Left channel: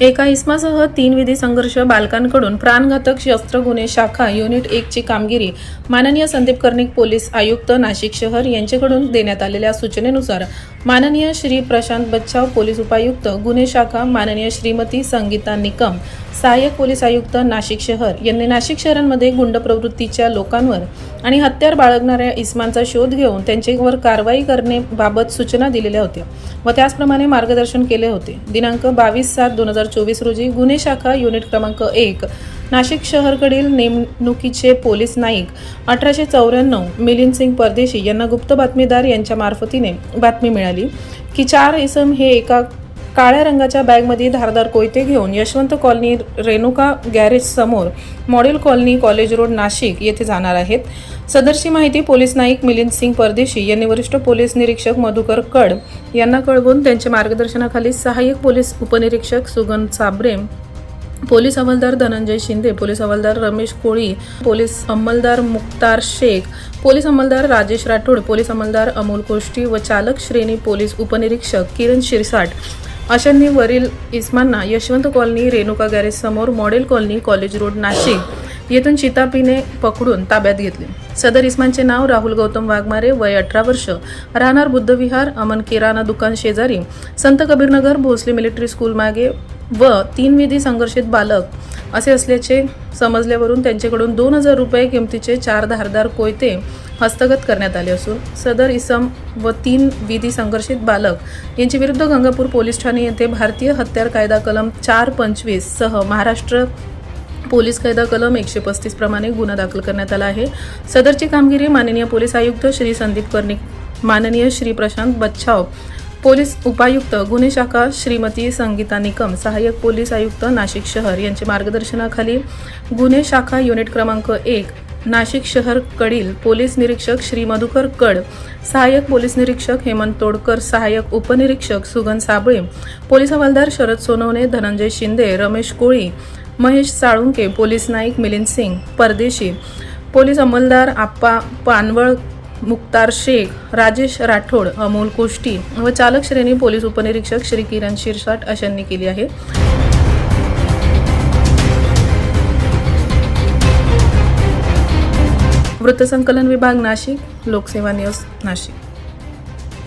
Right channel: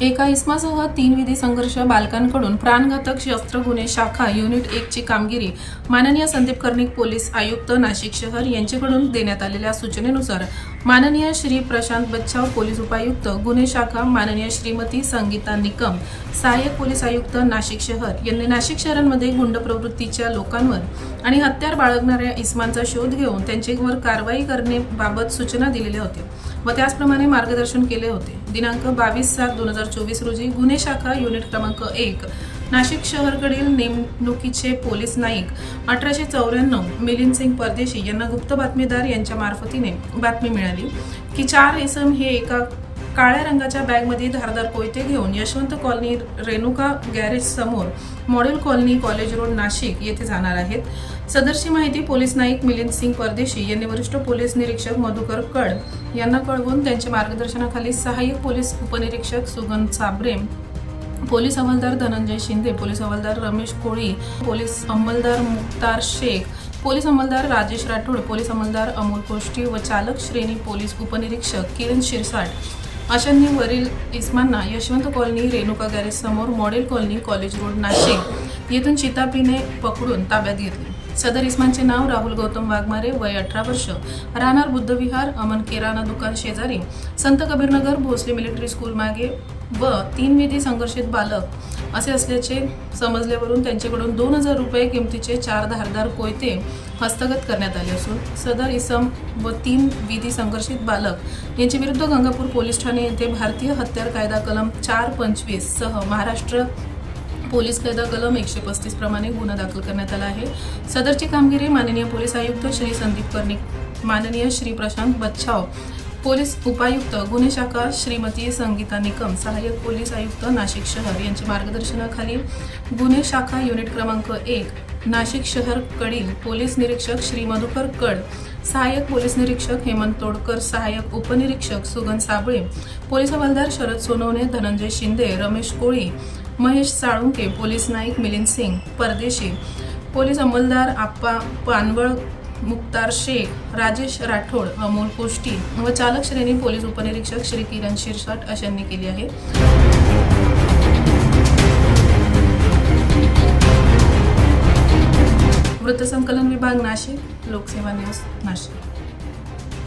एका इस्मासह तीन विधी संघर्ष बालकांकडून प्राणघातक शस्त्र गुन्हे शाखा युनिट एकची कामगिरी माननीय संदीप कर्णिक पोलीस आयुक्त नाशिक शहर यांच्याकडून देण्यात आलेल्या सूचनेनुसार माननीय श्री प्रशांत बच्चाव पोलीस उपायुक्त गुन्हे शाखा माननीय श्रीमती संगीता निकम सहाय्यक पोलीस आयुक्त नाशिक शहर यांनी नाशिक शहरांमध्ये गुंड प्रवृत्तीच्या लोकांवर आणि हत्यार बाळगणाऱ्या इस्मांचा शोध घेऊन त्यांच्यावर कारवाई करण्याबाबत सूचना दिलेल्या होत्या व त्याचप्रमाणे मार्गदर्शन केले होते. दिनांक बावीस सात दोन हजार चोवीस रोजी गुन्हे शाखा युनिट क्रमांक एक नाशिक शहरकडील नेमणुकीचे पोलीस नाईक अठराशे चौऱ्याण्णव मिलिंद सिंग परदेशी यांना गुप्त बातमीदार यांच्या मार्फतीने बातमी मिळाली की चार इसम हे एका काळ्या रंगाच्या बॅगमध्ये धारदार कोयते घेऊन यशवंत कॉलनी रेणुका गॅरेज समोर model colony college road Nashik येथे जाणार आहेत. सदरची माहिती पोलीस नाईक मिलिंद सिंग परदेशी यांनी वरिष्ठ पोलीस निरीक्षक मधुकर कड यांना कळवून त्यांच्या मार्गदर्शनाखाली सहाय्यक पोलीस उपनिरीक्षक सुगंध साबरे पोलीस हवालदार धनंजय शिंदे पोलीस हवालदार रमेश कोळी पोलीस अंमलदार मुक्तार शेख पोलीस अंमलदार राजेश राठोड पोलीस अंमलदार अमोल कोष्टी व चालक श्रेणी पोलीस उपनिरीक्षक किरण शिरसाट. अशांनी वरील इस्मांना यशवंत कॉलनी रेणुका गॅरेज समोर model colony college road Nashik. येथून चितापीने पकडून ताब्यात घेतले. सदर इस्मानचे नाव राहुल गौतम वाघमारे वय अठरा वर्ष. राहणार बुद्धविहार अमन किराणा दुकान शेजारी. संत कबीरनगर भोसले मिलिटरी स्कूल मागे व तीन विधी संघर्षित बालक असे असल्याचे समजल्यावरून त्यांच्याकडून दोन हजार रुपये किमतीचे चार धारदार कोयते हस्तगत करण्यात आले असून सदर इसम व तीन विधी संघर्षित बालक यांच्या विरुद्ध गंगापूर पोलीस ठाणे येथे भारतीय हत्यार कायदा कलम चार पंचवीस सह महाराष्ट्र पोलीस कायदा कलम एकशे पस्तीस प्रमाणे गुन्हा दाखल करण्यात आला आहे. सदरची कामगिरी माननीय पोलीस आयुक्त श्री संदीप कर्णिक माननीय श्री प्रशांत बच्छाव पोलीस उपायुक्त गुन्हे शाखा श्रीमती संगीता निकम सहाय्यक पोलीस आयुक्त नाशिक शहर यांच्या मार्गदर्शनाखाली गुन्हे शाखा युनिट क्रमांक एक नाशिक शहरकडील पोलीस निरीक्षक श्री मधुकर कड सहाय्यक पोलीस निरीक्षक हेमंत तोडकर सहाय्यक उपनिरीक्षक Sugan Sable police havaldar Sharad Sonawane Dhananjay Shinde Ramesh Koli Mahesh Salunke police naik Milind Singh Pardeshi police अंमलदार Appa Panwal Mukhtar Shaikh Rajesh Rathod Amol Koshti व चालक श्रेणी पोलीस उपनिरीक्षक श्री किरण शिरसाट अशांनी केली आहे. वृत्तसंकलन विभाग नाशिक लोकसेवा न्यूज नाशिक.